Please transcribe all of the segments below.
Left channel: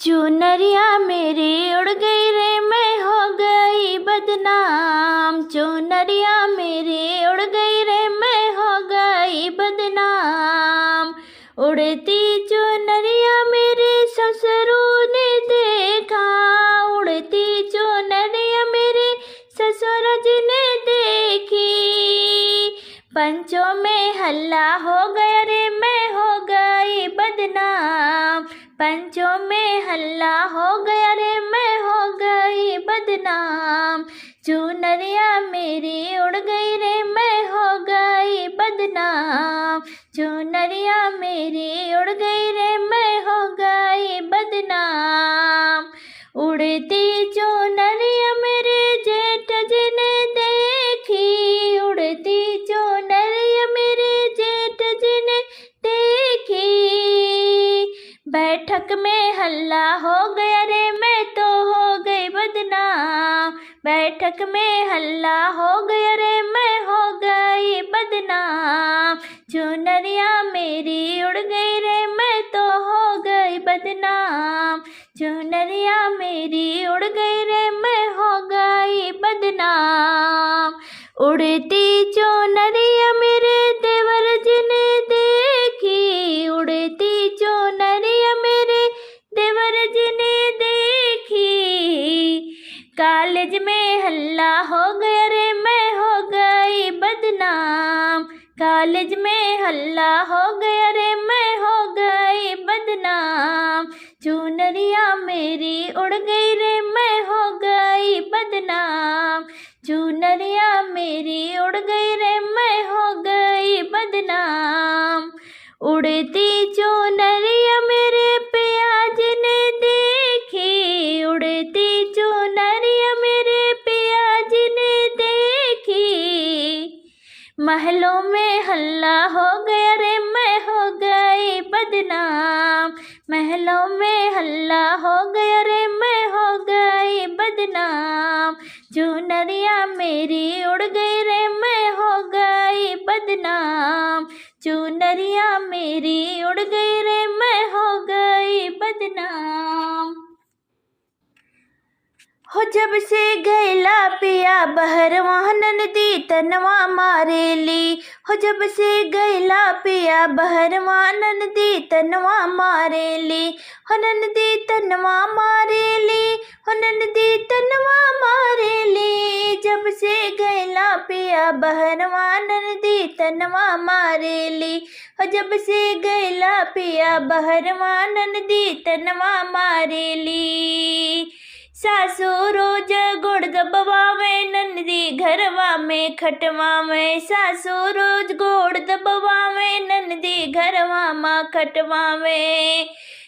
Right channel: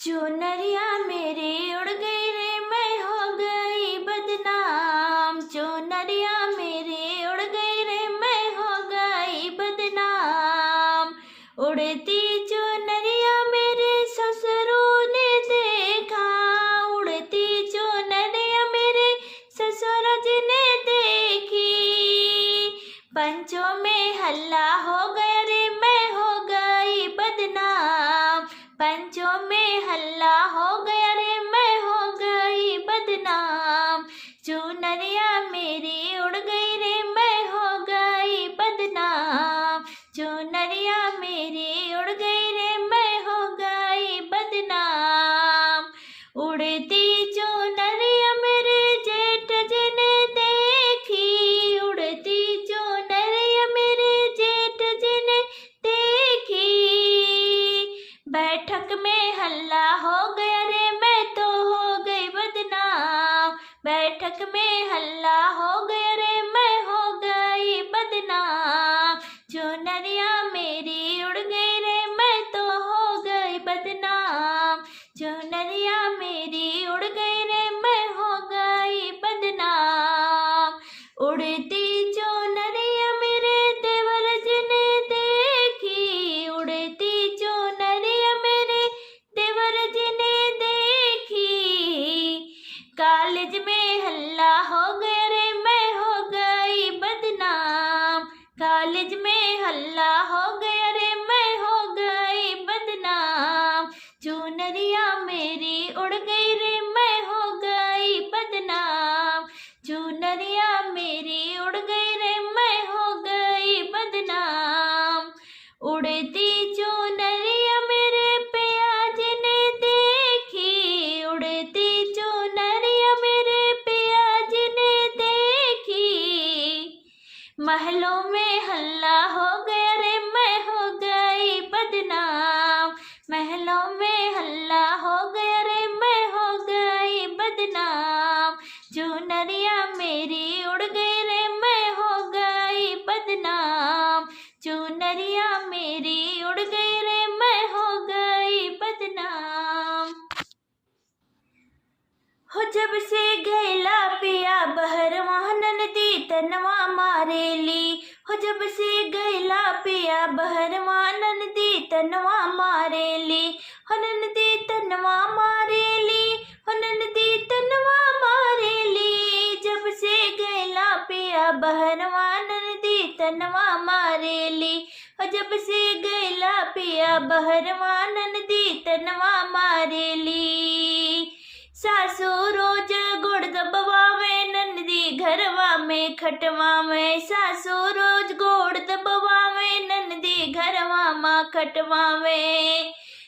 चुनरिया मेरी उड़ गई रे, मैं हो गई बदनाम। चुनरिया मेरी उड़ गई रे, मैं हो गई बदनाम। उड़ती चुनरिया मेरे ससुरों ने देखा, उड़ती चुनरिया मेरे ससुर जी ने देखी। पंचों में हल्ला हो गया रे, मैं हो गई बदनाम। पंचों में हल्ला हो गया रे, मैं हो गई बदनाम। चुनरिया मेरी उड़ गई रे, मैं हो गई बदनाम। चुनरिया मेरी उड़ गई रे, मैं हो गई बदनाम। उड़ती चुनरिया मेरे जेठ जी ने देखी, उड़ती चुनरिया मेरे जेठ जी ने देखी। बैठक में हल्ला हो गया रे, मैं तो हो गई बदनाम। बैठक में हल्ला हो गया रे, मैं हो गई बदनाम। चुनरिया मेरी उड़ गई रे, मैं तो हो गई बदनाम। चुनरिया मेरी उड़ गई रे, मैं हो गई बदनाम। उड़ती चुनरिया मेरे देवर जी ने देखी, उड़ती चुनरिया मेरे देवर जी ने देखी। कॉलेज में हल्ला हो गया रे, मैं हो गई बदनाम। कॉलेज में हल्ला हो गया रे, मैं हो गई बदनाम। चुनरिया मेरी उड़ गई रे, मैं हो गई बदनाम। चुनरिया मेरी उड़ गई रे, मैं हो गई बदनाम। उड़ती चुनरिया मेरे पियाज ने देखी, उड़ती चुनरिया मेरे पियाज ने देखी। महलों में हल्ला हो गया रे, मैं हो गई बदनाम। महलों में हल्ला हो गया रे, मैं हो गई बदनाम। चुनरिया मेरी उड़ गई रे, मैं हो गई बदनाम। चुनरिया मेरी उड़ गई रे, मैं हो गई बदनाम। हो जब से गैला पिया बहरवा ननदी तनवा मारेली। हो जब से गैला पिया बहरवा ननदी तनवा मारेली। हो ननदी तनवा मारेली, हो ननदी तनवा मारेली। जब से गैला पिया बहरवा ननदी तनवा मारेली। हो जब से गैला पिया बहरवा ननदी तनवा मारेली। सासू रोज गुड़ दबवावे, ननदी घरवा में खटवावे। सासू रोज गुड़ दबवावे, ननदी घरवा माँ खटवावे।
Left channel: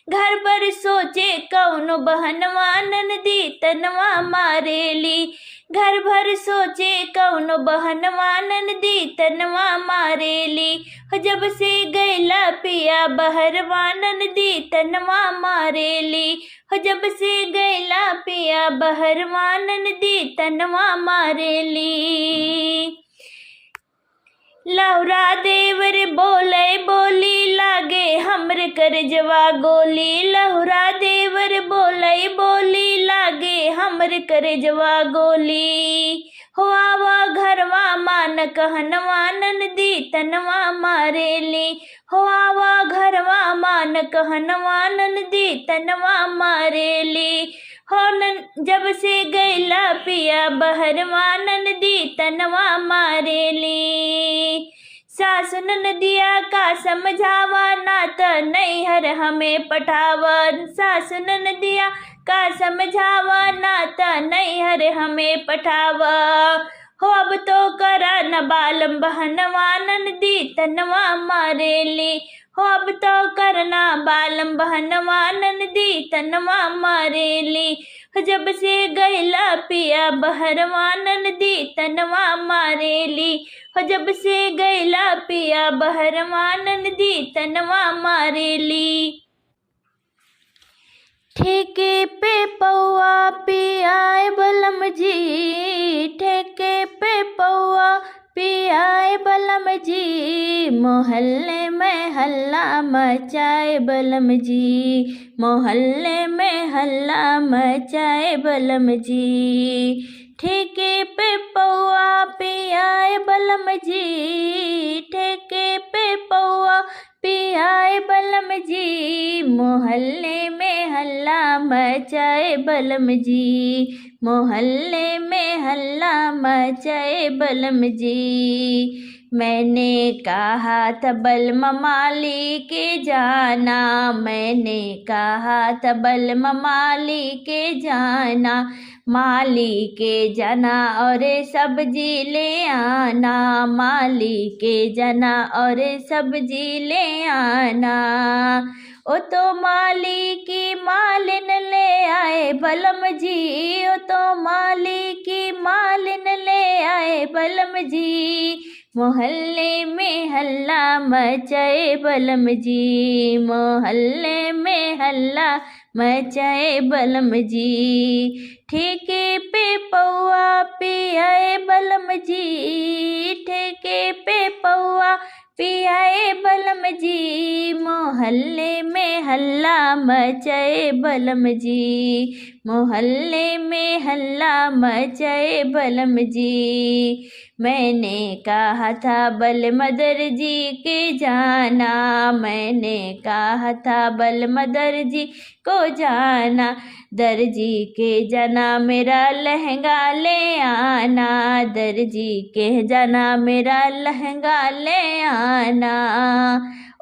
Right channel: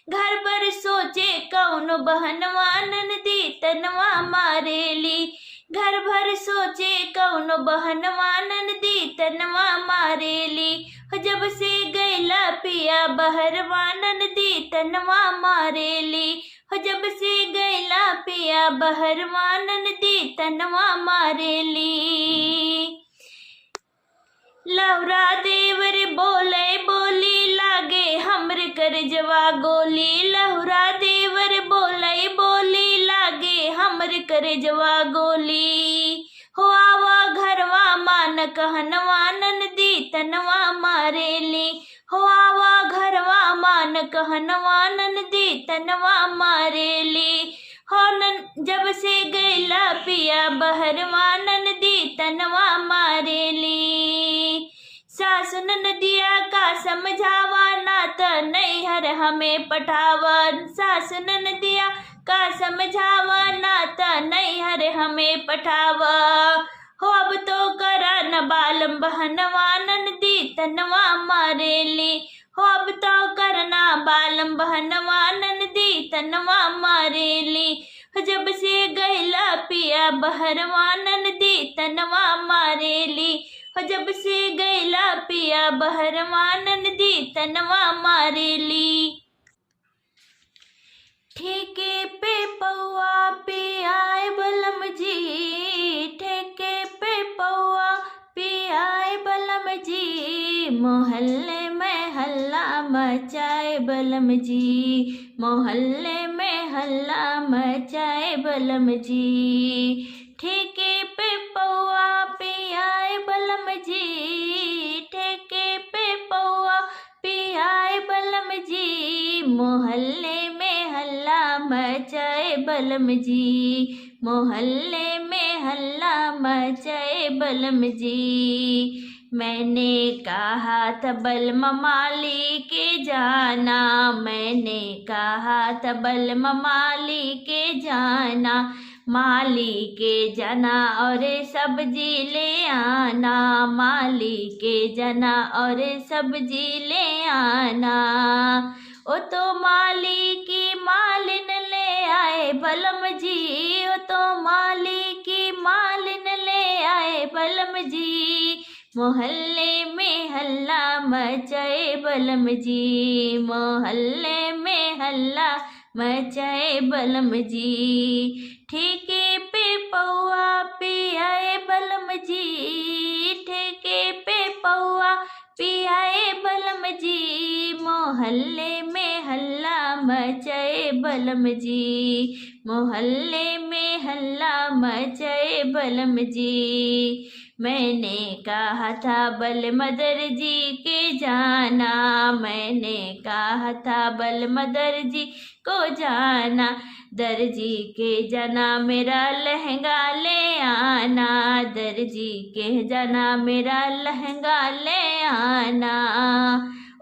घर पर सोचे कौन बहनवा, ननदी तनवा मारेली। घर भर सोचे कौन बहनवा, ननदी तनवा मारेली। जब से गैला पिया बहरवा ननदी तनवा मारेली। जब से गैला पिया बहरवा ननदी तनवा मारेली। लौरा देवर बोले बोली, लागे हमर करजवा गोली। लौरा देवर बोले बोली, लागे हमर करजवा गोली। हो आवा घरवा मान कहनवा, ननदी तनवा मारेली। हो आवा घरवा मान कहनवा, ननदी तनवा मारेली। हो जब से गैला पिया बहरवा ननदी तनवा मारेली। सासु ननदिया का समझावा, ना त नैहर हमें पठावा। सासु ननदिया का समझावा, ना त नैहर हमें पठावा। हो अब तो करा न बालम बहनवा, ननदी तनवा मारेली। हो अब तो करना बालम बहनवा, ननदी तनवा मारेली। जब से गैला पिया बहरवा ननदी तनवा मारेली। जब से गैला पिया बहरवा ननदी तनवा मारेली। ठेके पे पौआ पियाए बलम जी, ठेके पे पौआ पिया पियाए बलम जी, मोहल्ले में हल्ला मचाए बलम जी, मोहल्ले में हल्ला मचाए बलम जी। ठेके पे पौआ पियाए बलम जी, ठेके पे पौआ पियाए बलम जी, मोहल्ले में हल्ला मचाए बलम जी, मोहल्ले में हल्ला मचाए बलम जी। मैंने कहा था बलम माली के जाना, मैंने कहा था बलम माली के जाना, माली के जाना और सब्जी ले आना, माली के जाना और सब्जी ले आना। ओ तो माली की मालिन ले आए बलम जी, ओ तो माली की मालिन ले आए बलम जी, मोहल्ले में हल्ला मचाए बलम जी, मोहल्ले में हल्ला मचाए बलम जी। ठेके पे पौआ पियाए बलम जी, ठेके पे पौआ पियाए बलम जी, मोहल्ले में हल्ला मचाए बलम जी, मोहल्ले में हल्ला मचाए बलम जी। मैंने कहा था बलम दर्जी के जाना, मैंने कहा था बलम दर्जी को जाना, दर्जी के जाना मेरा लहंगा ले आना, दर्जी के जाना मेरा लहंगा ले आना।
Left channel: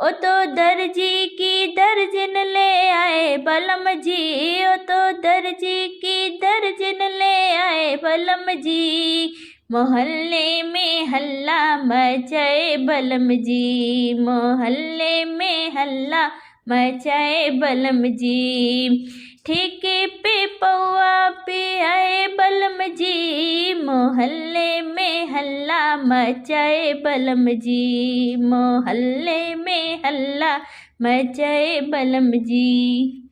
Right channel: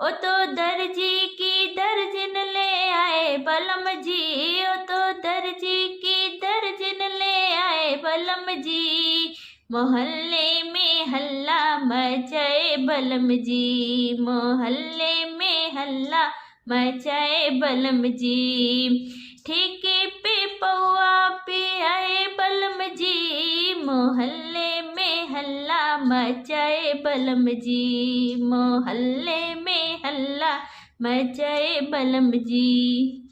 ओ तो दर्जी की दर्जन ले आए बलम जी, ओ तो दर्जी की दर्जन ले आए बलम जी, मोहल्ले में हल्ला मचाए बलम जी, मोहल्ले में हल्ला मचाए बलम जी। ठेके पे पौआ पियाए बलम जी, मोहल्ले में हल्ला मचाए बलम जी, मोहल्ले में हल्ला मचाए बलम जी।